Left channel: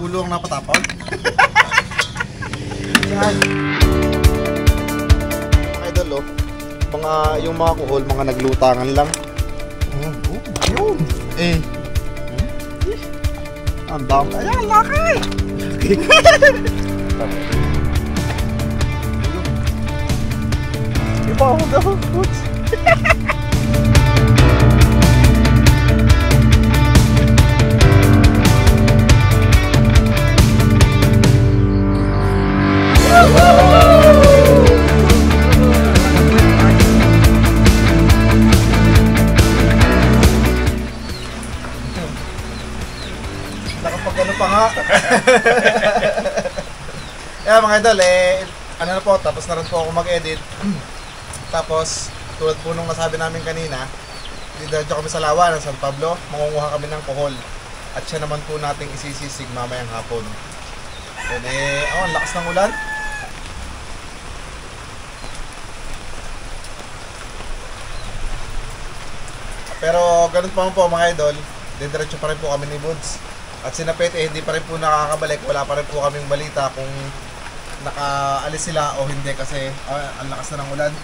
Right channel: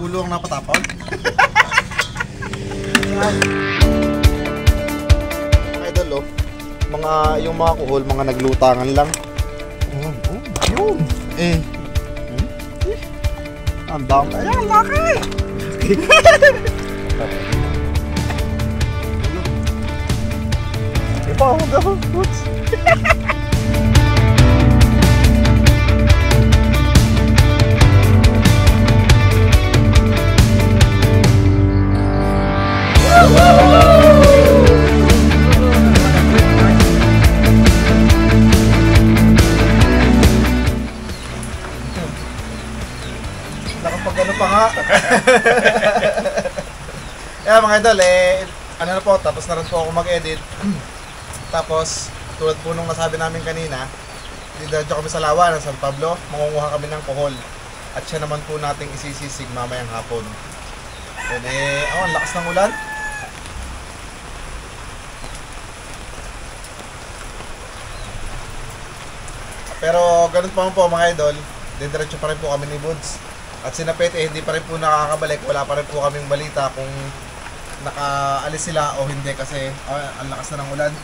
Ulo ang napatapon. Mga idol, oh. Yung mga kuhol, mga naglutangan lang. Yun. Ang dami. Ayan, laki! Iba ako daw, Boots. Nakapag-ano pa nga. Kaya mga idol, ano na po, tapos na rin po ako mag-edit. Tapos, tulad po nung nasabi namin kanina, didiretso kami sa Lawa ng San Pablo, mangunguha kami ng kohol. At siya naman po nating isisisig mamayang hapon. Then ang lakas ng ulan. Pero ganun pa man po mga idol, didiretso pa rin po kami ni Buds. At si Napete, hindi pa rin po nakakabalik. Wala pa rin po kaming balita kung nakaalis sila o hindi kasi ang lakas na ng ulan.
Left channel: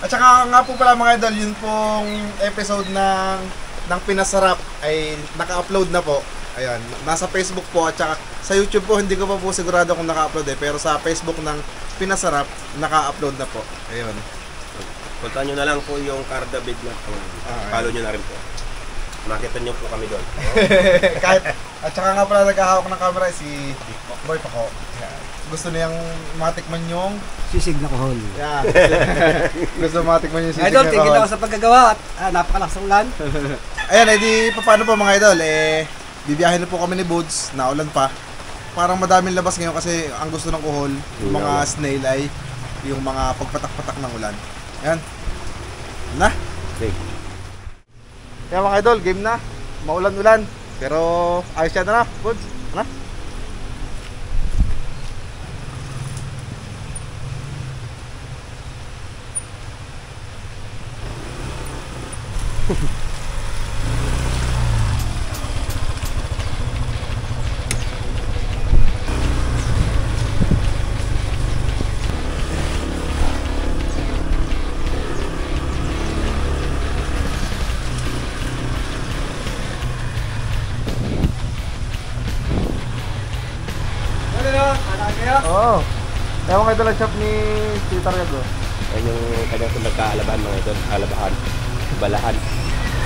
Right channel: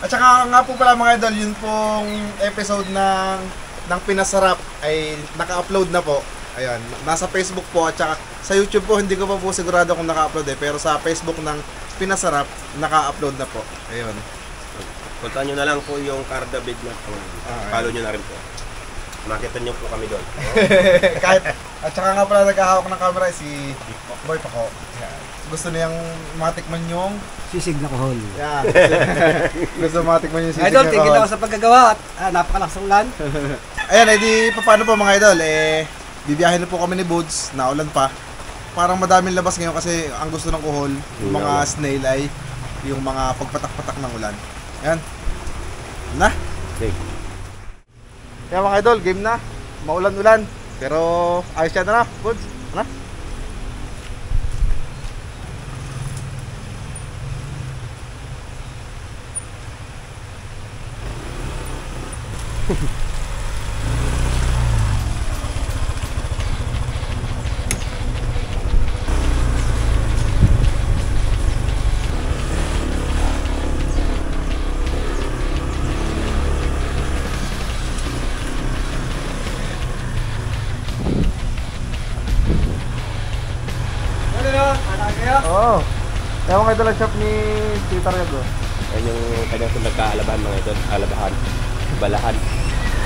At saka nga po pala mga idol, yun pong episode ng Pinasarap ay naka-upload na po. Ayan, nasa Facebook po at saka sa YouTube po, hindi ko pa po sigurado kung naka-upload pero sa Facebook ng Pinasarap, naka-upload na po. Ayun. Punta nyo na lang po yung Carda Big na po. Follow nyo na rin po. Makita nyo po kami doon. Kahit, at saka nga pala naghahawak ng camera si Boy Paco. Gusto niyang matikman yung sisig na kohol. Yeah. Gusto matikman yung sisig Idol, na tigil kohol. ako sa paggagawa at napakalakas ng ulan. Ayan, edi paano po mga idol? Bibiyahin na po kami ni Buds, naulan pa. Parang madaming labas ngayon kasi ang gusto ng kohol, yung mga snail ay yung mga pagpatak-patak ng ulan. Ayan. Na? Okay. Kaya mga idol, game na. Maulan-ulan. Pero ayos siya na na, Buds. Na? Oo. Kaya mga idol ang shop ni Tita Riago. Yan yung kanyang nagkaalabahan mga ito. Alabahan, balahan,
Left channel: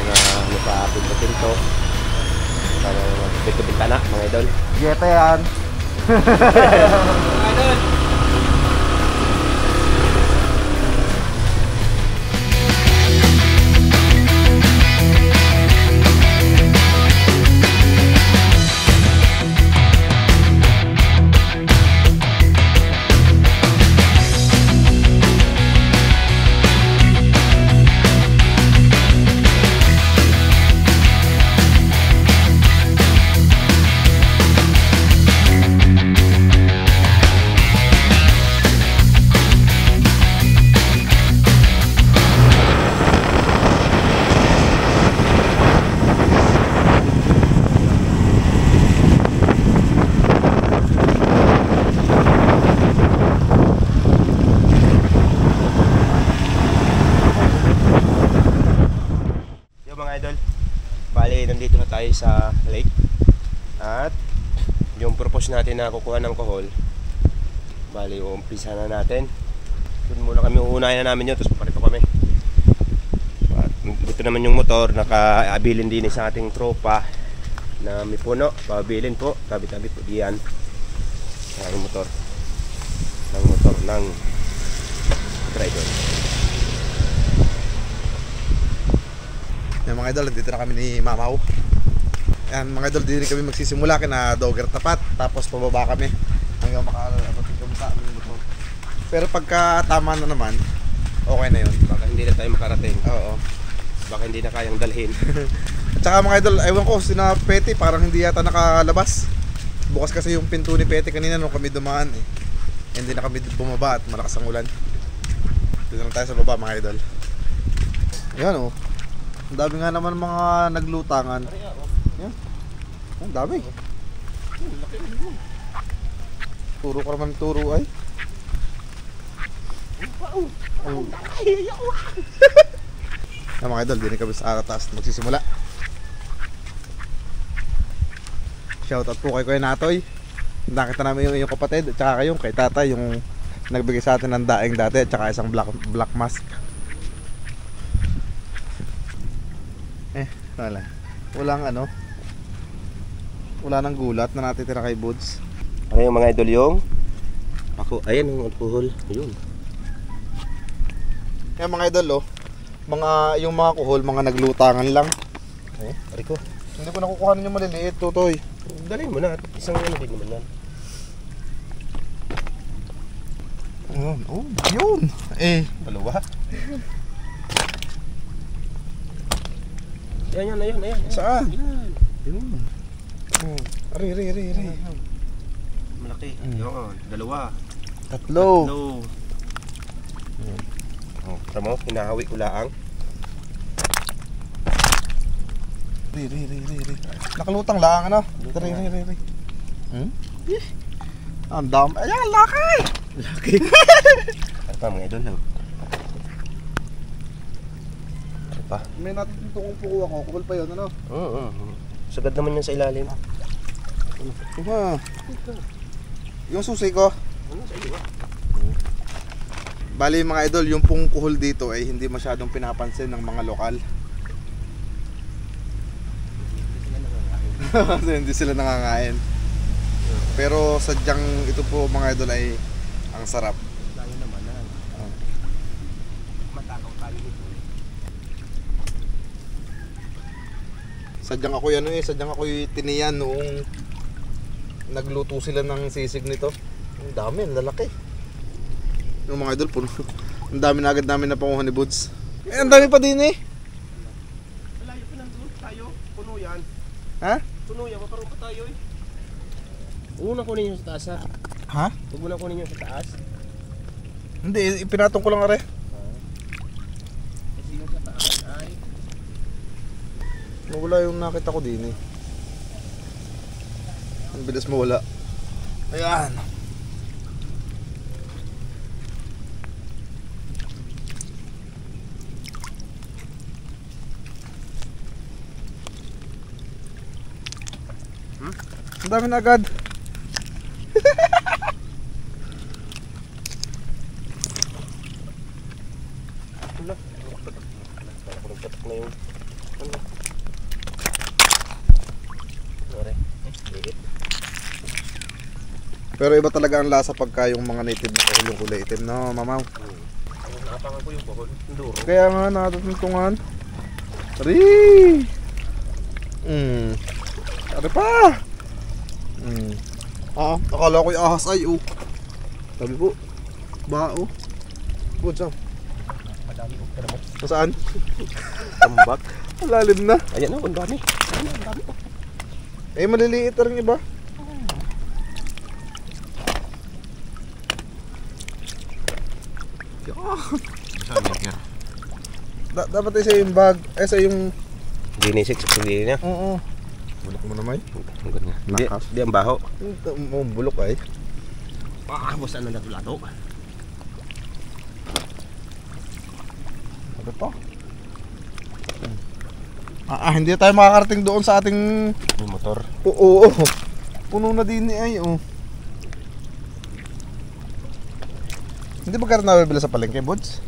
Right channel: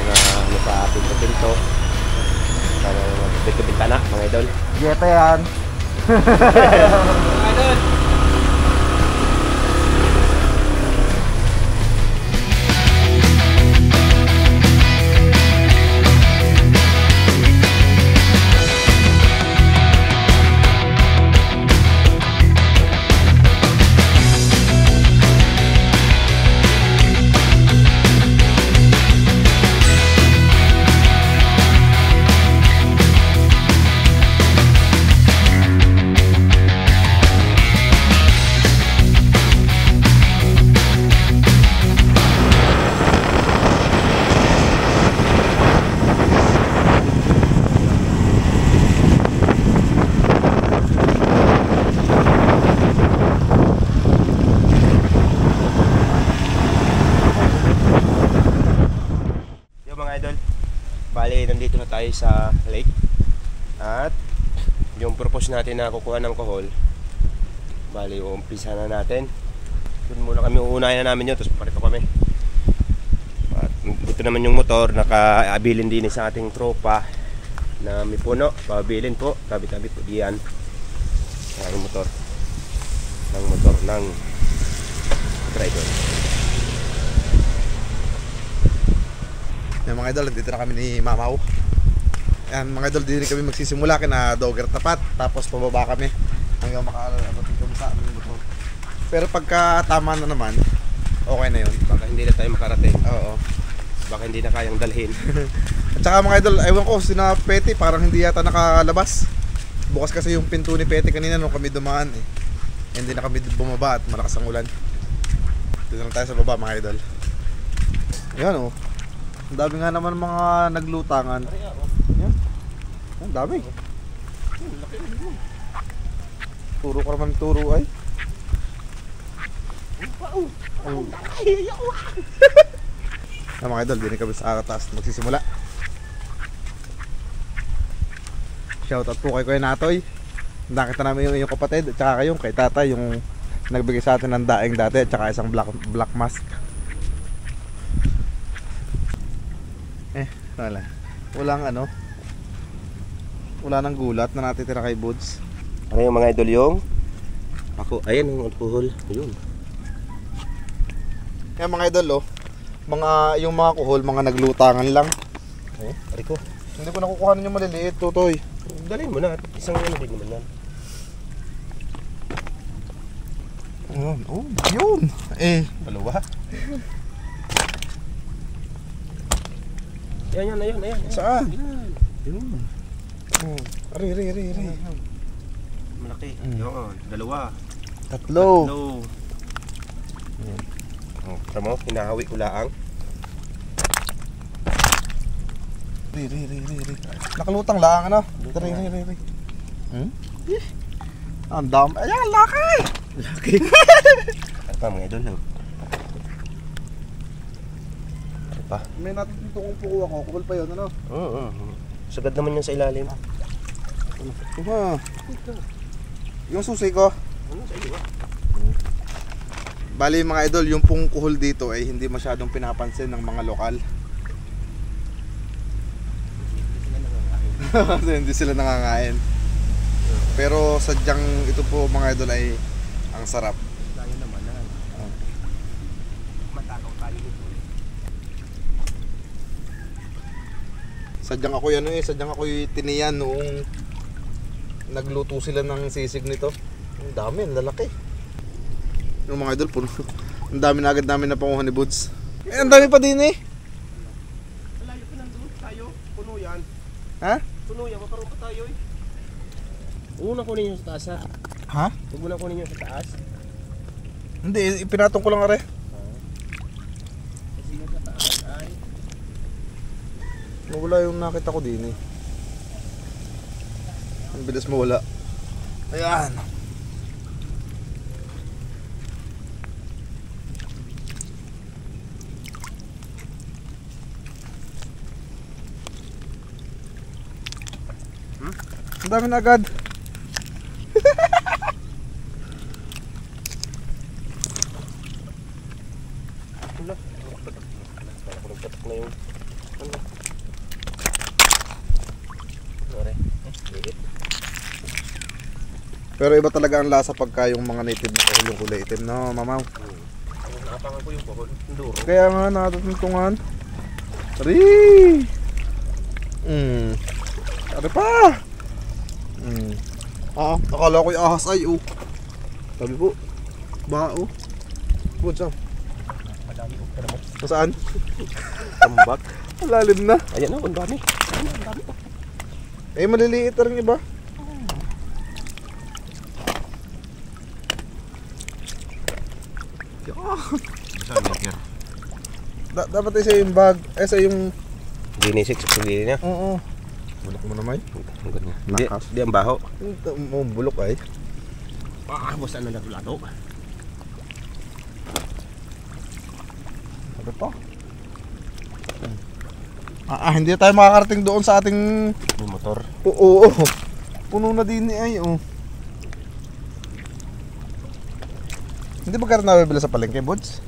mga ano pa, pinto-pinto. Para pinto-bintana mga idol. Jeta yan. Mga idol, Bali, nandito na tayo sa lake. At yung purpose natin na kukuha ng kohol, bali, uumpisa na natin. Doon muna kami, uunahin na namin yun, tapos paparito kami. At ito naman yung motor, nakaabilin din sa ating tropa na may puno, pabilin po, tabi-tabi po diyan. Ang motor ng driver. Yan mga idol, dito na kami ni Mamaw. Yan mga idol, dito kami magsisimula kina Dogger Tapat. Tapos pababa kami hanggang makarating kami sa aming motor. Pero pagka tama na naman, okay na yun. Baka hindi na tayo makarating. Oo. Baka hindi na kayang dalhin. At saka mga idol, ewan ko, sina Petty parang hindi yata nakalabas. Bukas kasi yung pinto ni Petty kanina nung kami dumaan eh. Hindi na kami bumaba at malakas ang ulan. Dito lang tayo sa baba mga idol. Ayan oh. Ang dami nga naman mga naglutangan. Yan. Ang dami. Turo ka naman turo ay. Na mga idol, din kami sa taas magsisimula. Shoutout po kay Kuya Natoy. Nakita namin yung kapatid at saka kayong kay Tata yung nagbigay sa atin ng daing dati at saka isang black mask. Walang ano. Wala nang gulat na natitira kay Buds. Ano yung mga idol yung? Ako, ayan yung alcohol. Ayun. Yan mga idol yung mga kuhol, mga naglutangan lang. Ariko. Hindi ko nakukuhanan yung maliliit, Tutoy. Dalhin mo na. Isang ano din naman yan. Yun. Dalawa. Ayan. Saan? Yun. Ari. Malaki. Yun. Dalawa. Tatlo. Tama mo, hinahawi ko laang. Ri. Nakalutang lang, ano? Ri. Ang dami. Ayan, laki! Ano pa mga idol? Ano pa? May natutungong puko ako. Kupal pa yun, ano? Sagad naman yan sa ilalim. Yung susi ko. Ano sa iyo? Bali mga idol, yung pong kuhol dito ay hindi masyadong pinapansin ng mga lokal. Kasi hindi sila nangangain. Pero sadyang ito po mga idol ay ang sarap. Layo naman na. Matakaw tayo nito. Sadyang ako tiniyan noong nagluto sila ng sisig nito. Ang dami, ang lalaki. Yung mga idol, puno. Ang dami na agad namin napanguhan ni Buds. Ang dami pa din eh. Malayo pa nandun tayo. Puno yan. Ha? Puno yan, maparoon pa tayo eh. Huwag mo na kunin yung sa taas ha. Ha? Huwag mo na kunin yung sa taas. Hindi, ipinatong ko lang are. Kasi yung sa taas ay... Nawala yung nakita ko din eh. Ang bilis mawala. Ayan. Ang dami na agad. Wala. Wala ko nagpatak na yung... Ano? Sorry. Liit. Pero iba talaga ang lasa pagka yung mga native na kuhol yung kulay itim, no, mamaw? Nakapangan ko yung buhol. Yung duro. Kaya nga natutuntungan. Ari! Ari pa! Akala ko yung ahas ay, Sabi po, bao. Good job. Madami ko. Pero mo. Saan? Tambak. Malalim na. Ayan na, ang dami. Ang dami pa. Maliliit na rin iba. Dapat ay sa yung bag. Sa yung... Ginisik sa pagdili niya. Oo. Bulok mo naman. Hindi, hindi ang baho. Bulok ay. Basta na lato-lato. Ano pa? Hindi tayo makakarating doon sa ating... Yung motor. Oo. Puno na din ay, Hindi ba karoon nabibila sa palengke, Buds?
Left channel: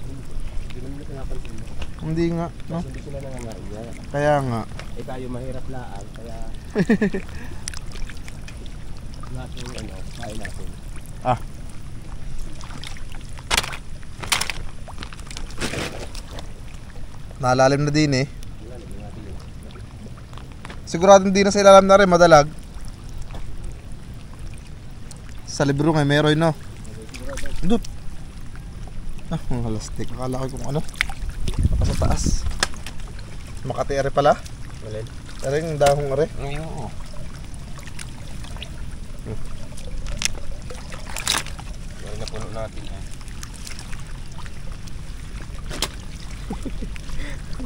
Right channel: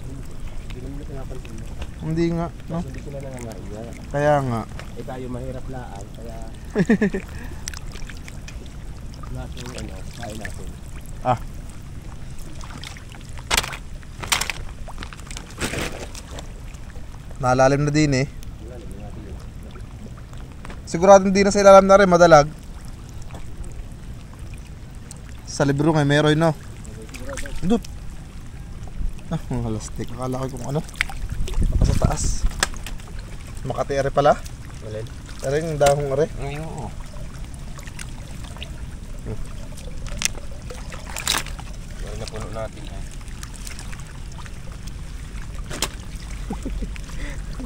Hindi naman na pinapansin mo. Hindi nga, no? Hindi sila nangangaiya. Kaya nga. Eh tayo mahirap laang, kaya... Natin ano, kain natin. Nalalim na din eh. Siguradong di na sa ilalim na rin, madalag. Sa libro nga, meron no? Dut! Mga lastik. Akala ko kung ano. Baka sa taas. Makati are pala. Malin? Are yung dahong are. Ay, oo. Bari na puno natin eh.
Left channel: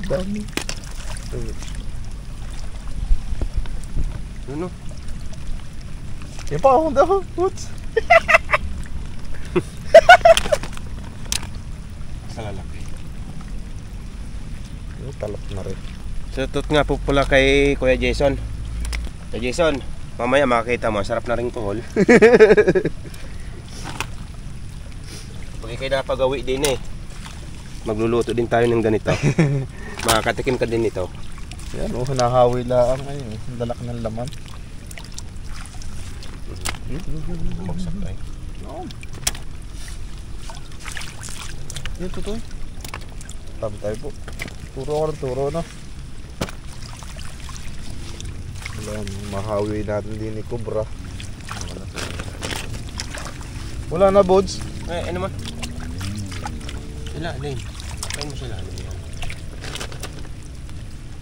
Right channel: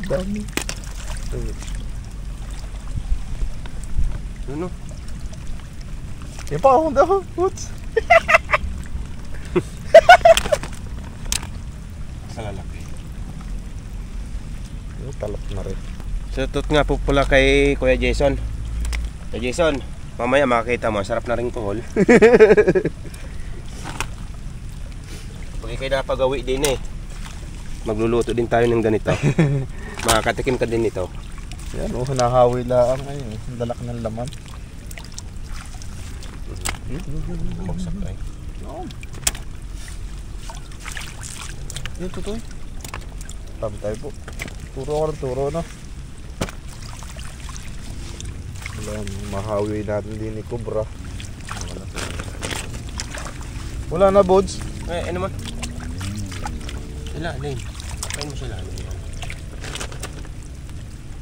Dami. Ano? Yung pa akong daw, Boots. Sa lalaki. Yung talap na rin. Shoutout nga po pula kay Kuya Jason. Kuya Jason, mamaya makakita mo, sarap na rin kohol. Pag kayo napagawi din eh, magluluto din tayo ng ganito. Makakatikim ka din nito. Yan, nahawi lang ngayon. Ang dalak ng laman. Bumagsak tayo. No. Yung tutoy. Tabi tayo po. Turo ako ng turo, no? Wala, mahawi natin din ni Cobra. Wala na, Bods. Ano man? Sila, Lane. Kain mo sila.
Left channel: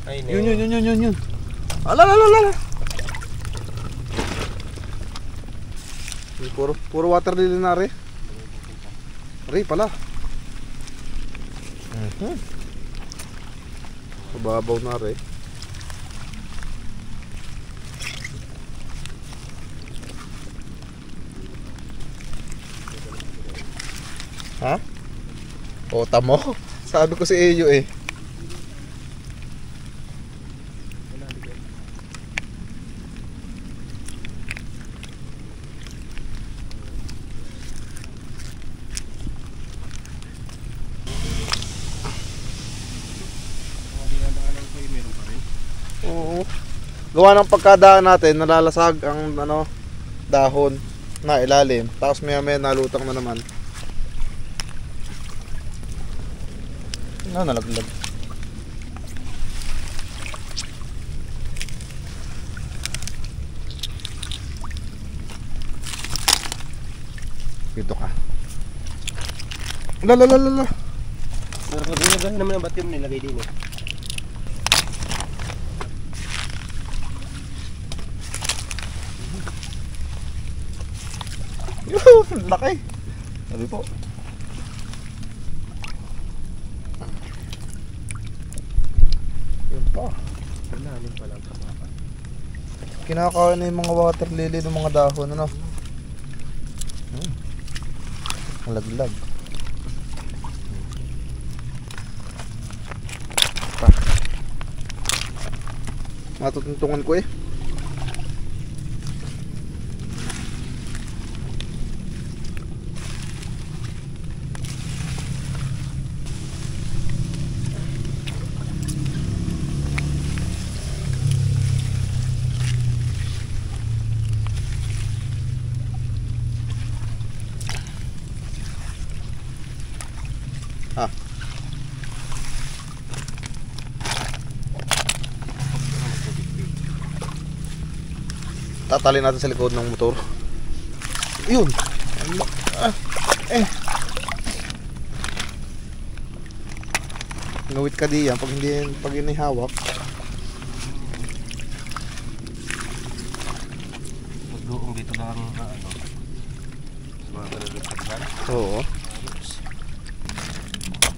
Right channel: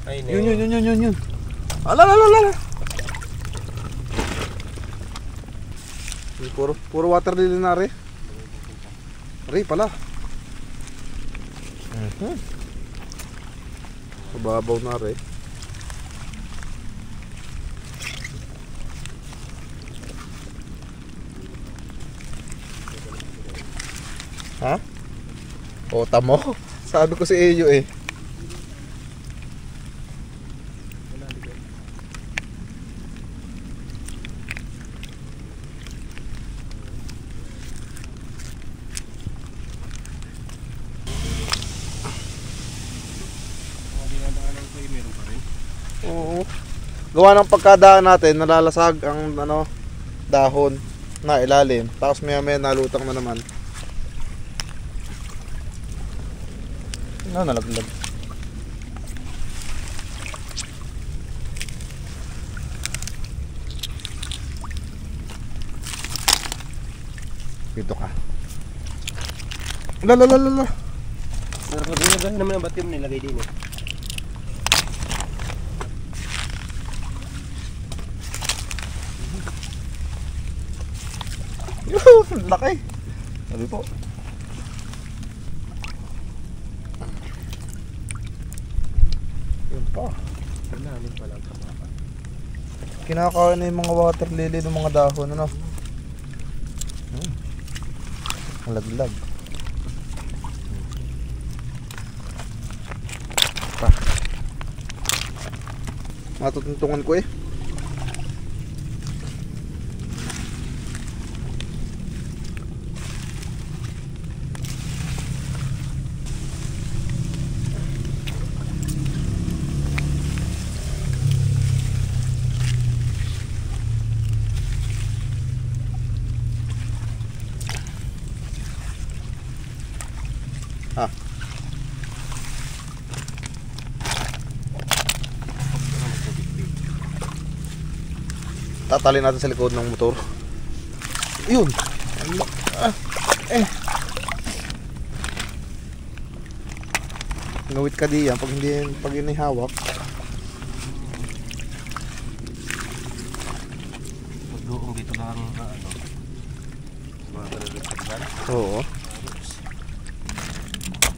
Ay, Yun. Ala. Puro water lily na rin. Rin pala. Sababaw na rin. Ha? O, tamo. Sabi ko si Eyo eh. Oo. Gawa ng pagkadaan natin, nalalasag ang dahon na ilalim. Tapos maya nalutang na naman. Nalaglag. Dito ka. Lala. Nilagay naman ang batim nilagay din eh. Laki. Sabi po. Yun pa. Malalim pa lang kapapa. Kinakain na yung mga water lily ng mga dahon, ano? Malaglag. Pa. Matutuntungan ko eh. Tatalin natin sa likod ng motor. Yun. Ngawit ka diyan pag inihawak. Magdoong dito lang mga kalulupag dyan. Oo.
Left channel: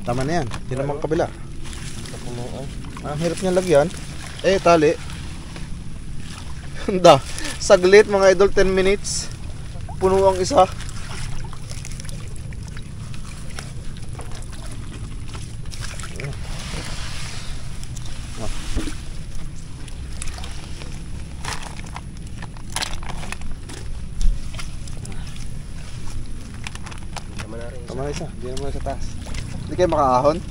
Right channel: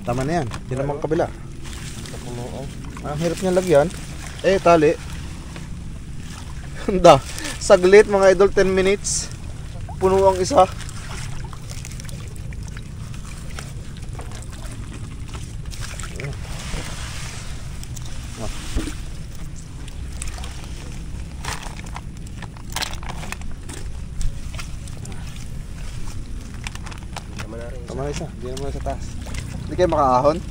Tama na yan. Hindi naman kabila. Ang hirap niya lagyan. Tali. Handa. Saglit mga idol, 10 minutes. Puno ang isa. Tama na isa. Hindi naman sa taas. Hindi kayo makaahon.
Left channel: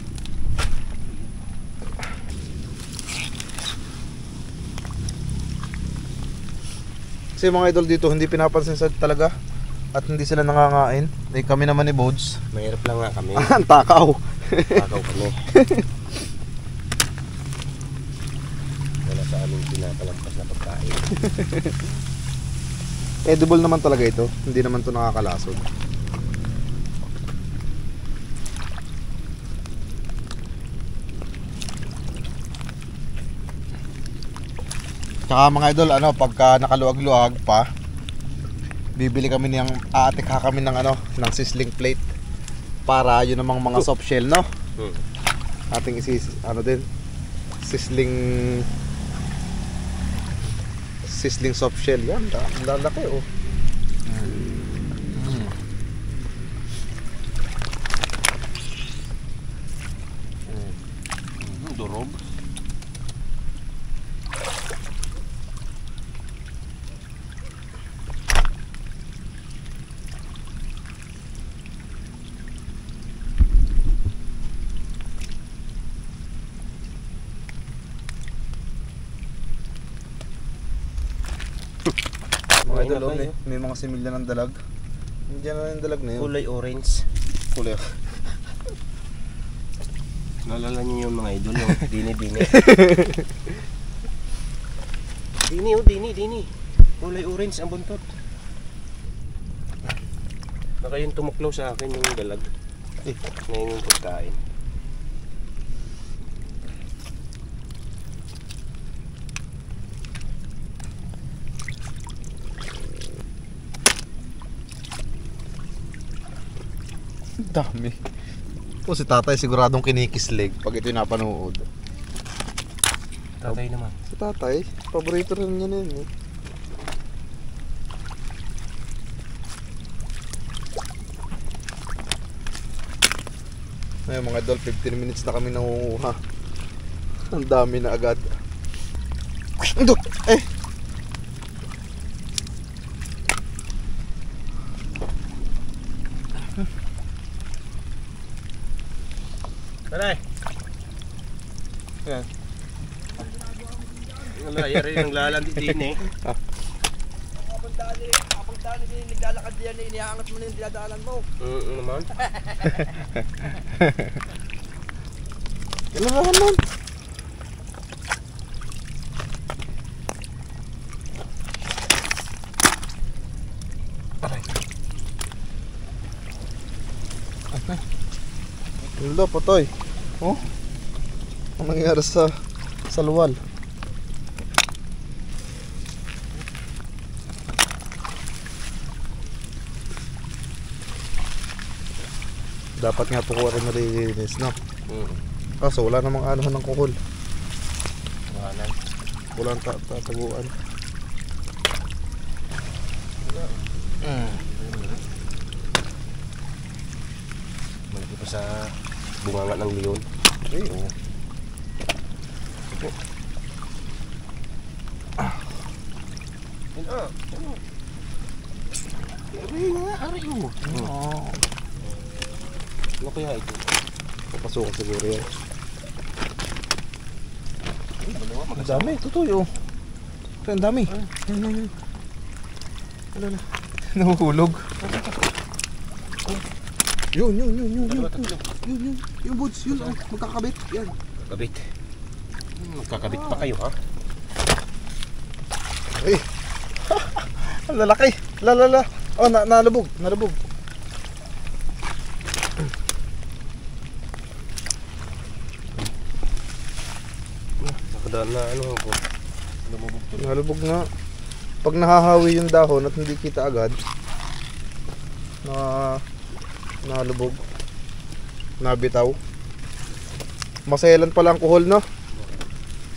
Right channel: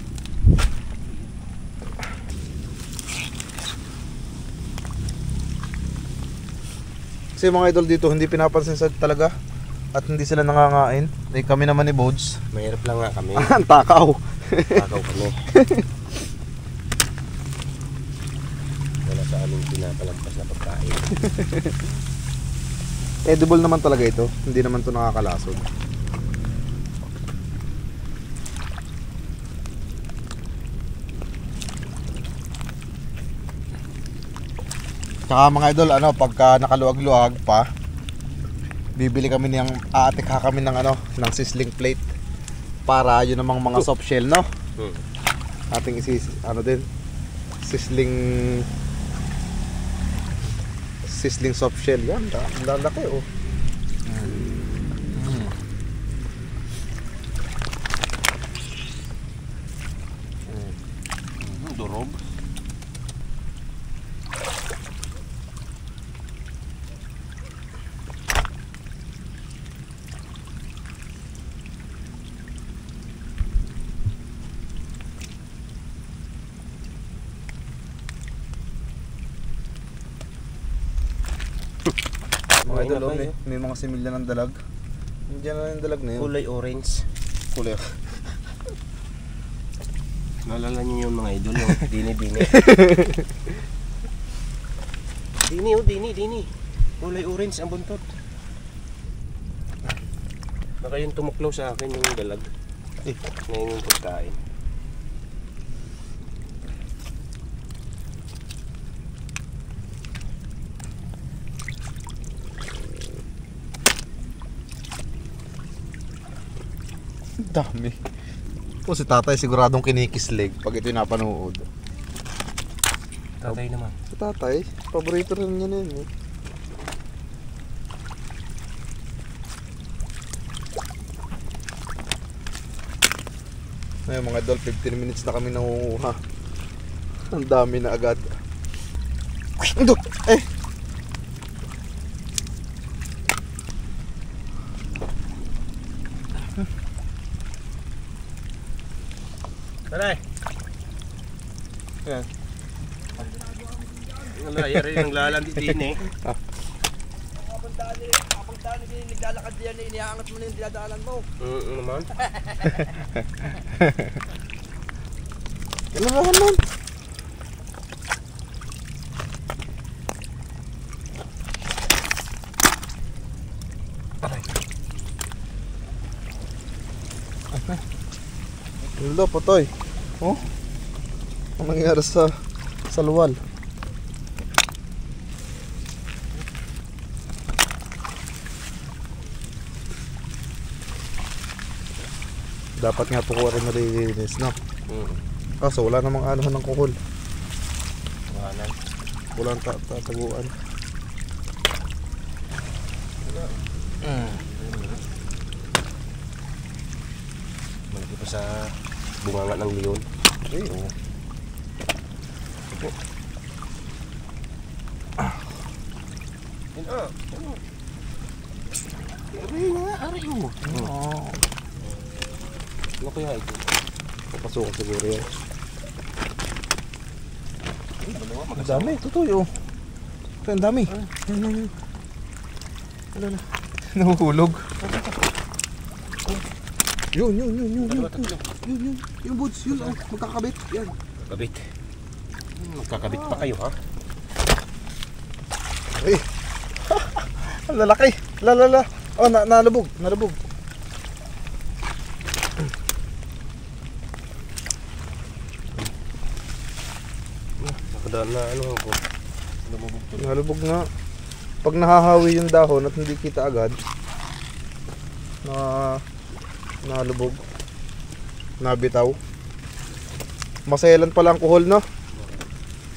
Kasi mga idol dito hindi pinapansin sa talaga at hindi sila nangangain. Kami naman ni Bods. Mahirap lang nga kami. Ang takaw. Takaw kami. Wala sa aming pinapalampas na pagkain. Edible naman talaga ito. Hindi naman ito nakakalasod. Tsaka mga idol, pagka nakaluag-luag pa, bibili kami aatikha kami ng sizzling plate para yun namang mga soft shell, no? Ating sizzling soft shell yan. Lalaki oh. Durog. Mga idol, may mga similya ng dalag. Nandiyan na yung dalag na yun. Kulay orange. Kulay. Naalala niyo yung mga idol, yung dini-dini. Dini, oh, dini. Kulay orange ang buntot. Baka yung tumuklaw sa akin yung dalag. Ngayon yung pagkain. Dami. O si tatay siguradong kinikislig pag ito yung napanood. Tatay naman. Si tatay, paborito rin niya na yun. Ngayon mga idol, 15 minutes na kami nangunguha. Ang dami na agad. Ito! Eh! Taray! Yan. Ang layar yung lalandi din eh. Kapag daan din, naglalakad diyan, iniangat mo na yung dinadaanan mo. Naman. Kailan naman? Aray. Wala, patay. Oh? Ang nangyari sa luwal? Dapat nga po kuha rin nalilinis, no? Kaso wala namang anuhan ng kuhol. Wanan. Walang tataguan. Malaki pa sa bunganga ng leon. Ay, oo. Aray mo. Ano kaya ito? Papasukan siguro yan. Ang dami, totoo. Ang dami. Yan. Wala na. Nahuhulog. Yun. Yung boots, yun. Magkakabit. Yan. Magkakabit. Magkakabit pa kayo ha? Ay. Ang lalaki. Lala. Oh, nalubog. Nakadaan na ano ko. Lumubog to. Nalubog nga. Pag nahahawi yung dahon at hindi kita agad, nalubog, nabitaw. Maselan pala ang kuhol, no?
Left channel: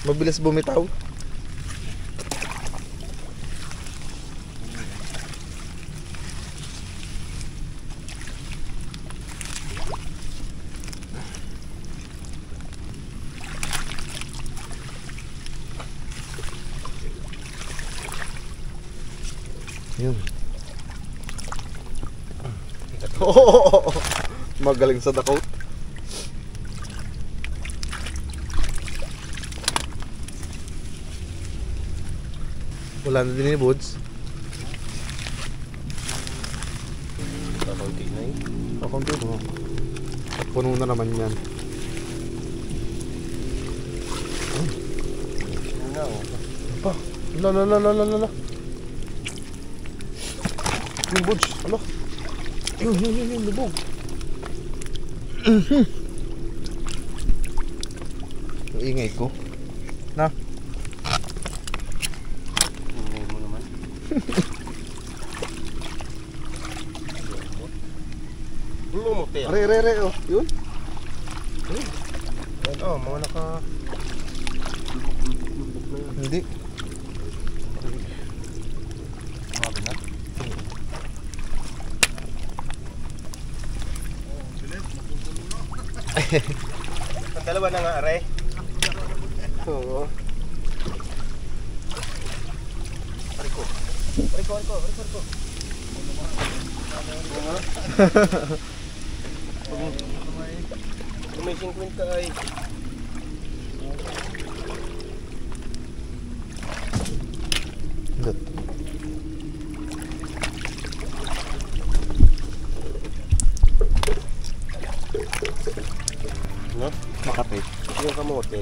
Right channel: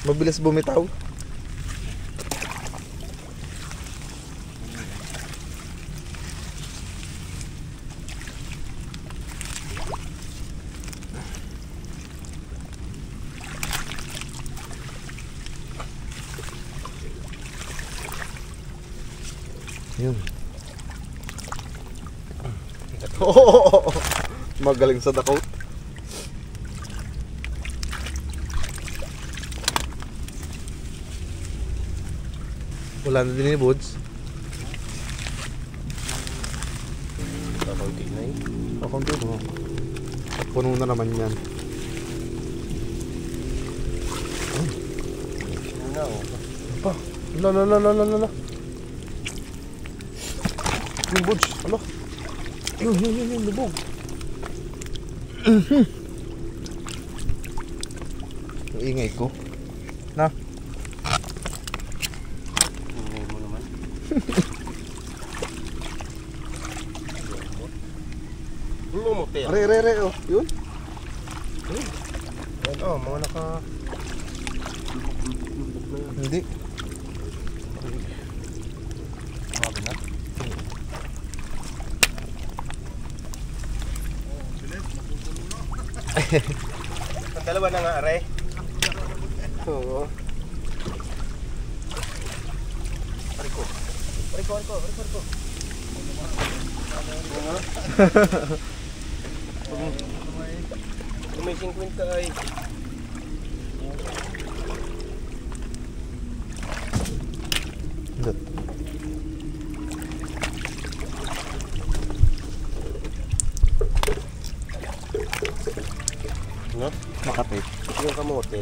Mabilis bumitaw. Yun. Magaling sa dakot. Wala na din yung buds. Kakunti na eh. Kakunti mo. Puno na naman yan. Ano na oh. Pa. Lala. Yung buds. Alo. Yun. Lubog. Ang ingay ko. Na. Ingay mo naman. Lumuti. Re. Oh. Yun. Yan oh, mga naka... Hindi. Grabe na. Ang dalawa na nga, are. Oo. Ariko. Kung may 50 ay... No? Makapit. Yung kamote.